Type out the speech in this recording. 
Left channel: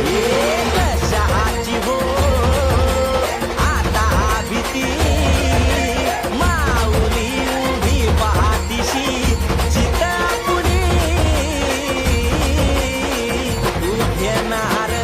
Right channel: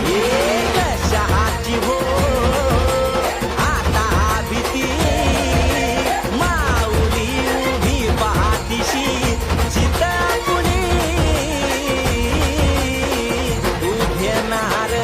कशाची हो आता भीती माऊली उभी पाठीशी जित पुणी तू घेणार